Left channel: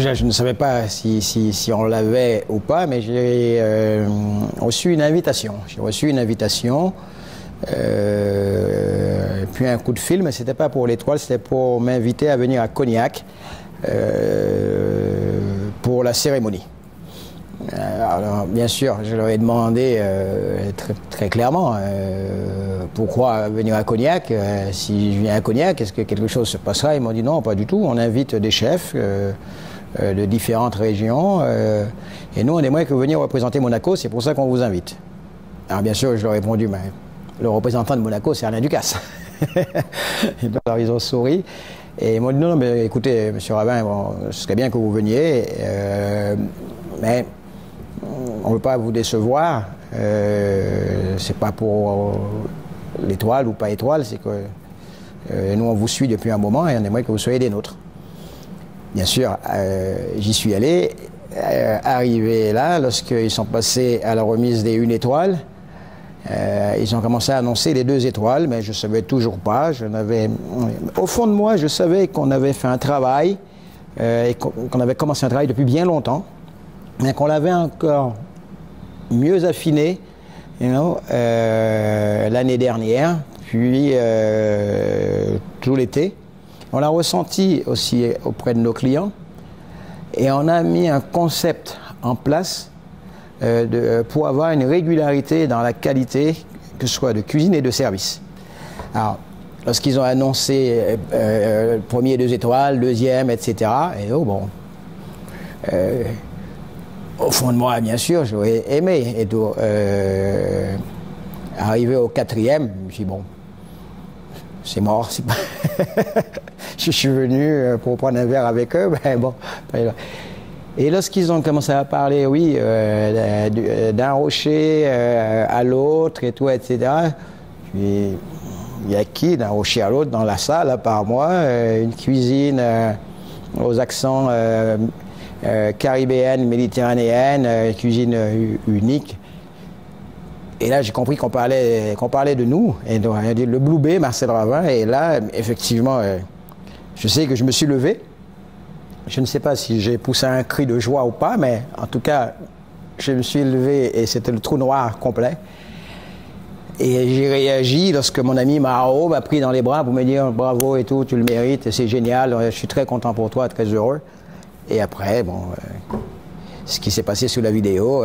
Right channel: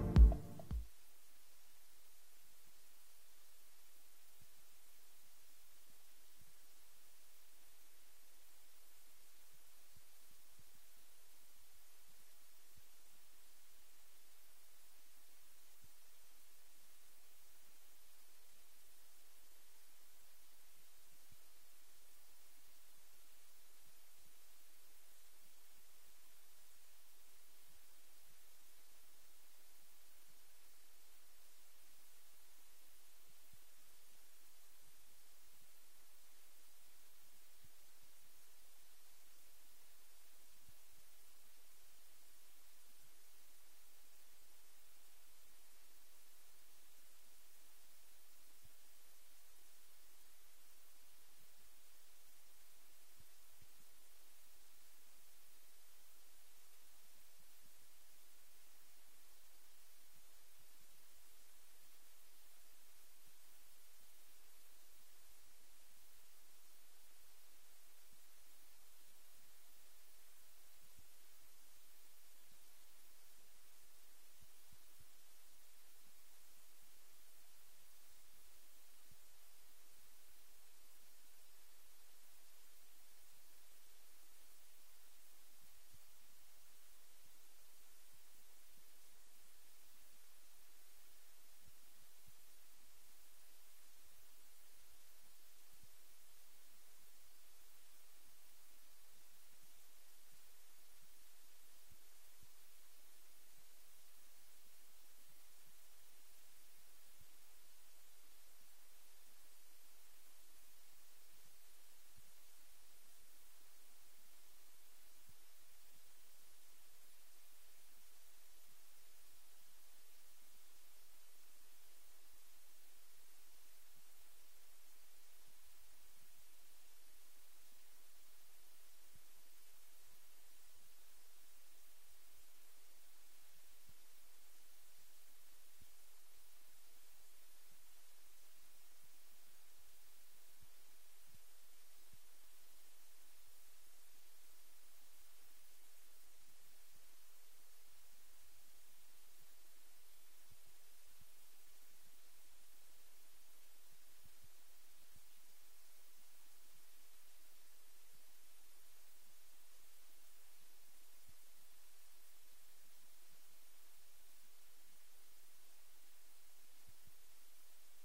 déjà, je ne savais pas si on l'avait ou pas, mais j'ai reçu une invitation. J'ai reçu une invitation, puis un coup de fil, mais ce n'était pas pour l'Étoile, c'était pour m'inviter à venir à Cognac pour la cérémonie. Alors, bien sûr, je leur ai demandé très clairement pourquoi venir à Cognac. Si je viens à Cognac, est-ce que quelque chose se passera? Ils m'ont dit non, pas du tout. On invite des chefs de différentes régions et nous, on aimerait que vous veniez représenter Monaco, c'est pour ça qu'on vous invite. Alors, bien sûr, je leur ai répondu, mais le représentant de Monaco, c'est Alain Ducasse. Alors, ils ont souri. Et ils m'ont dit non, mais écoutez, monsieur Ravin, bon, ce serait bien que vous veniez, mais on ne veut pas vous décevoir. C'est pas pour l'Étoile ou pas Étoile, c'est que nous on vous suit depuis un moment et on aimerait que vous soyez des nôtres. Bien sûr, j'y suis allé. Arrivé là, lorsqu'ils sont passés à la remise des 1 étoile, ils ont commencé à annoncer les 2 étoiles, mais je ne savais toujours pas. Au fond de moi, je savais qu'on avait fait un travail, et qu'on avait commencé un travail depuis bien longtemps, mais qu'on l'avait encore mieux affiné l'année dernière, puis tout l'été. On l'a ressenti aussi auprès de nos clients, et on a mis un concept en place pour avoir une régularité dans la qualité, que ce soit de cuisine et de service. Alors, lorsqu'ils ont annoncé premier 2 étoiles, deuxième, etc., et oh bon, au fond de moi, bien sûr, j'aurais aimé. Et donc, arrivé au 4e, je me suis dit, bon, c'est mort. Pas... je suis venu pour prendre un verre avec eux, ben bon. Et lorsqu'ils ont commencé à parler, oui, d'un rocher à l'autre et tout, etc., il y a qui d'un rocher à l'autre dans la salle, à part moi, une cuisine aux accents caribéenne, méditerranéenne, cuisine unique. Et là, j'ai compris qu'on parlait de nous. Et donc, on a dit le Blue Bay, Marcel Ravin. Et là, effectivement, je sais que je me suis levé. Je ne sais pas si j'ai poussé un cri de joie ou pas, mais en tout cas, je me suis levé et c'était le trou noir complet. Et j'ai réagi lorsque mon ami Mao m'a pris dans les bras pour me dire bravo et tout, tu le mérites, c'est génial, je suis très content pour toi, très heureux. Et après, bon, ce qui s'est passé sous la vidéo,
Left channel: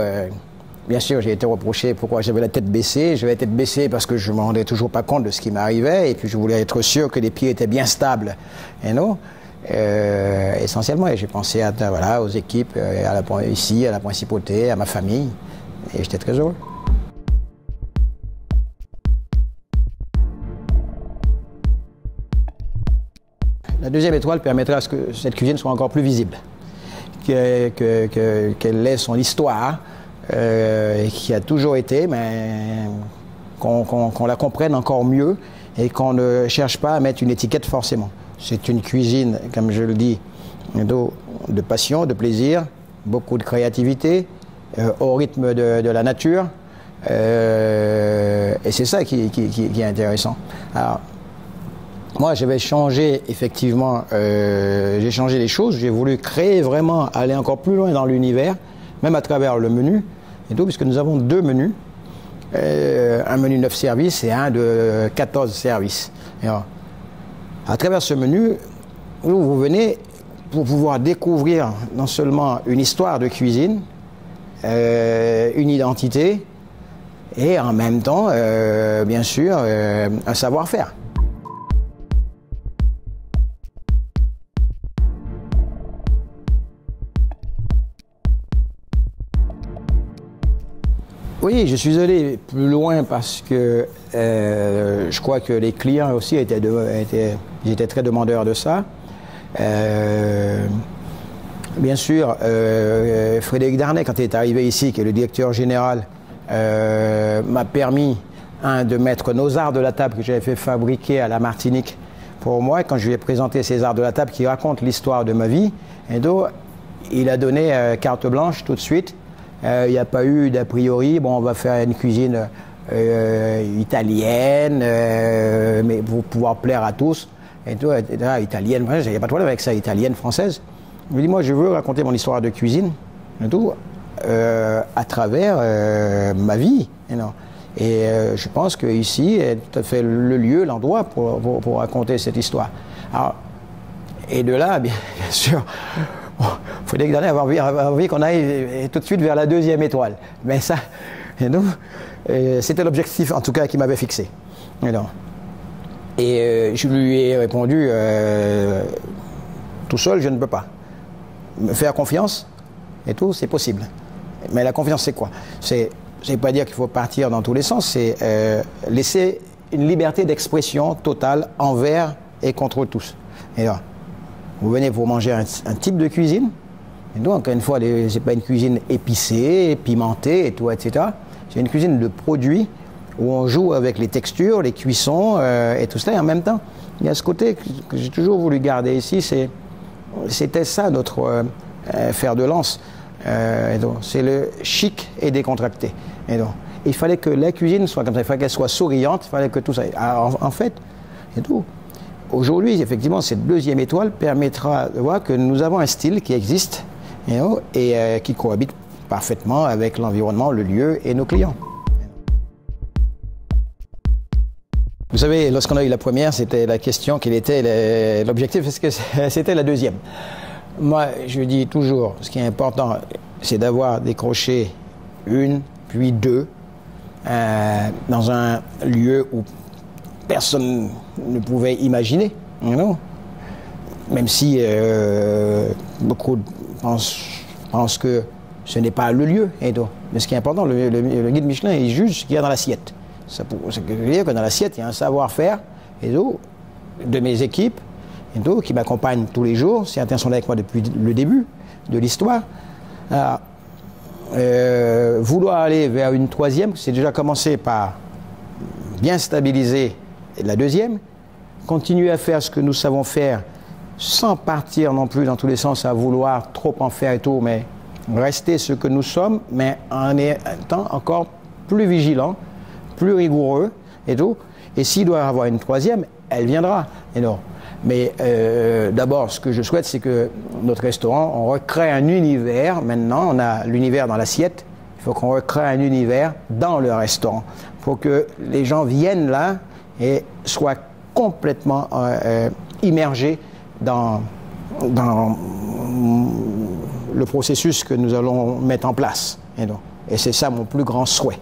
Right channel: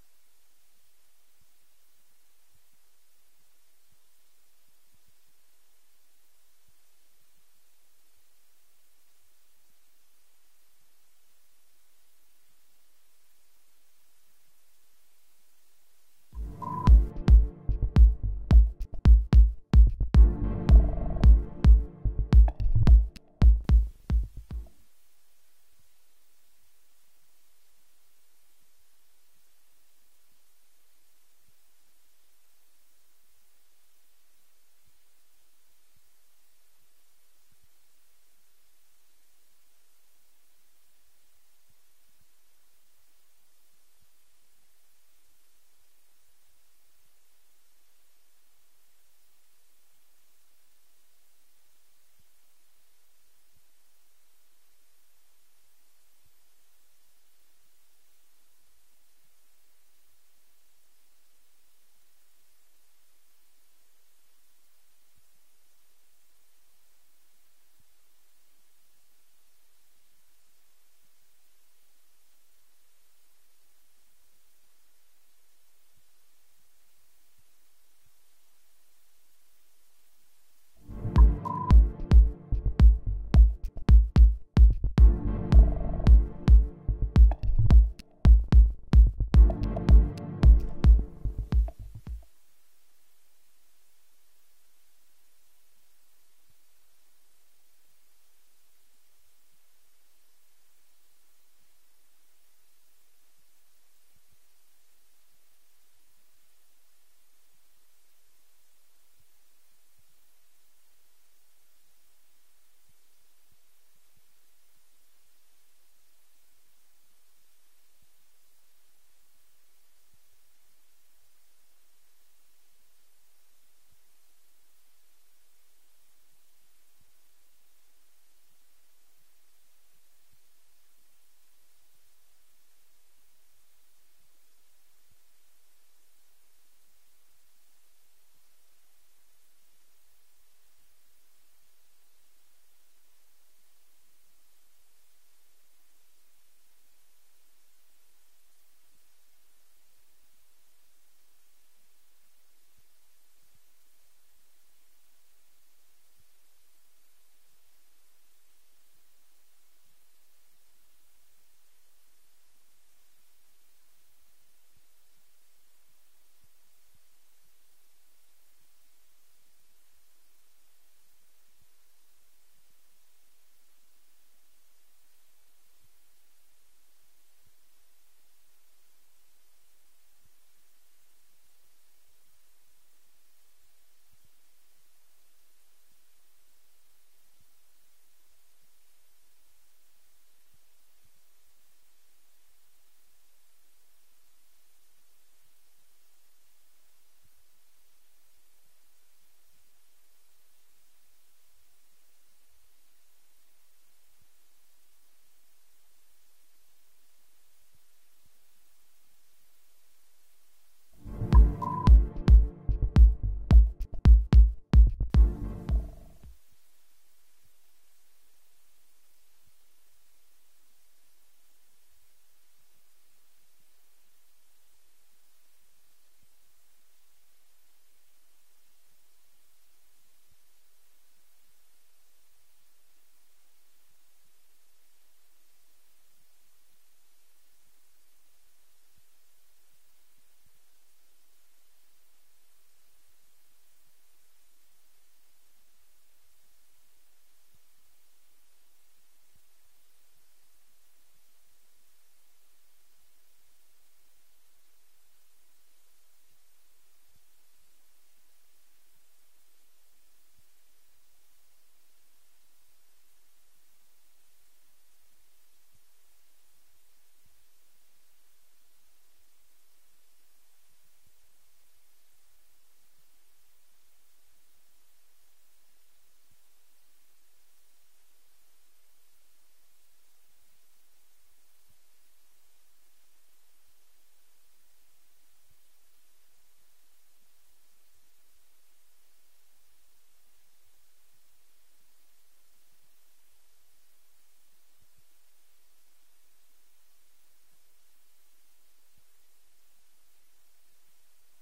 bien sûr, j'ai été reproché pourquoi j'avais la tête baissée. J'avais la tête baissée parce que je ne me rendais toujours pas compte de ce qui m'arrivait. Et puis, je voulais être sûr que les pieds étaient bien stables. Et non, essentiellement, j'ai pensé voilà, aux équipes, ici, à la principauté, à ma famille. Et j'étais très heureux. La 2e étoile permettra à ce que cette cuisine soit encore plus visible. Qu'elle ait son histoire, qui a toujours été, mais qu'on la comprenne encore mieux et qu'on ne cherche pas à mettre une étiquette forcément. C'est une cuisine, comme je le dis, de passion, de plaisir, beaucoup de créativité, au rythme de la nature, et c'est ça qui est intéressant. Alors, moi, j'avais changé, effectivement, j'ai changé les choses. J'ai voulu créer vraiment, aller encore plus loin dans l'univers, même à travers le menu, et tout, puisque nous avons 2 menus, un menu 9 services et un de 14 services. Et alors, à travers ce menu, vous venez pour pouvoir découvrir non seulement une histoire de cuisine, une identité, et en même temps, bien sûr, un savoir-faire. Oui, je suis allé plus loin parce que je crois que les clients aussi étaient très demandeurs de ça. Bien sûr, Frédéric Darnay, quand il est arrivé ici, qui est le directeur général, m'a permis de mettre nos arts de la table que j'avais fait fabriquer à la Martinique pour moi. Quand je lui ai présenté ces arts de la table qui racontent l'histoire de ma vie, et donc, il a donné carte blanche tout de suite. Il n'y a pas eu d'a priori, bon, on va faire une cuisine italienne, mais pour pouvoir plaire à tous, et tout, etc. Italienne, il n'y a pas de problème avec ça, italienne, française. Je lui dis, moi, je veux raconter mon histoire de cuisine, et tout, à travers ma vie. Et je pense qu'ici est tout à fait le lieu, l'endroit pour raconter cette histoire. Alors, et de là, bien sûr, il faudrait avoir envie qu'on aille tout de suite vers la deuxième étoile. Mais ça, c'était l'objectif, en tout cas, qui m'avait fixé. Et je lui ai répondu, tout seul, je ne peux pas. Me faire confiance, et tout, c'est possible. Mais la confiance, c'est quoi? C'est pas dire qu'il faut partir dans tous les sens, c'est laisser une liberté d'expression totale envers et contre tous. Et là, vous venez pour manger un type de cuisine, et donc, encore une fois, c'est pas une cuisine épicée, pimentée, et tout, etc. C'est une cuisine de produits où on joue avec les textures, les cuissons et tout cela. Et en même temps, il y a ce côté que j'ai toujours voulu garder ici, c'était ça notre fer de lance. C'est le chic et décontracté. Et donc, il fallait que la cuisine soit comme ça, il fallait qu'elle soit souriante, il fallait que tout ça. Alors, en fait, et tout. Aujourd'hui, effectivement, cette deuxième étoile permettra de voir que nous avons un style qui existe et qui cohabite parfaitement avec l'environnement, le lieu et nos clients. Vous savez, lorsqu'on a eu la première, c'était la question quel était l'objectif, est-ce que c'était la deuxième? Moi, je dis toujours, ce qui est important, c'est d'avoir décroché une, puis deux, dans un lieu où personne ne pouvait imaginer, même si beaucoup pensent que ce n'est pas le lieu. Mais ce qui est important, le guide Michelin, il juge ce qu'il y a dans l'assiette. Ça veut dire que dans l'assiette, il y a un savoir-faire de mes équipes qui m'accompagnent tous les jours. Certains sont là avec moi depuis le début de l'histoire. Vouloir aller vers une troisième, c'est déjà commencer par bien stabiliser la deuxième, continuer à faire ce que nous savons faire sans partir non plus dans tous les sens à vouloir trop en faire et tout, mais rester ce que nous sommes, mais en étant encore plus vigilant, plus rigoureux et tout. Et s'il doit y avoir une troisième, elle viendra. Mais d'abord, ce que je souhaite, c'est que notre restaurant, on recrée un univers. Maintenant, on a l'univers dans l'assiette. Il faut qu'on recrée un univers dans le restaurant pour que les gens viennent là et soient complètement immergés dans le processus que nous allons mettre en place. Et c'est ça mon plus grand souhait.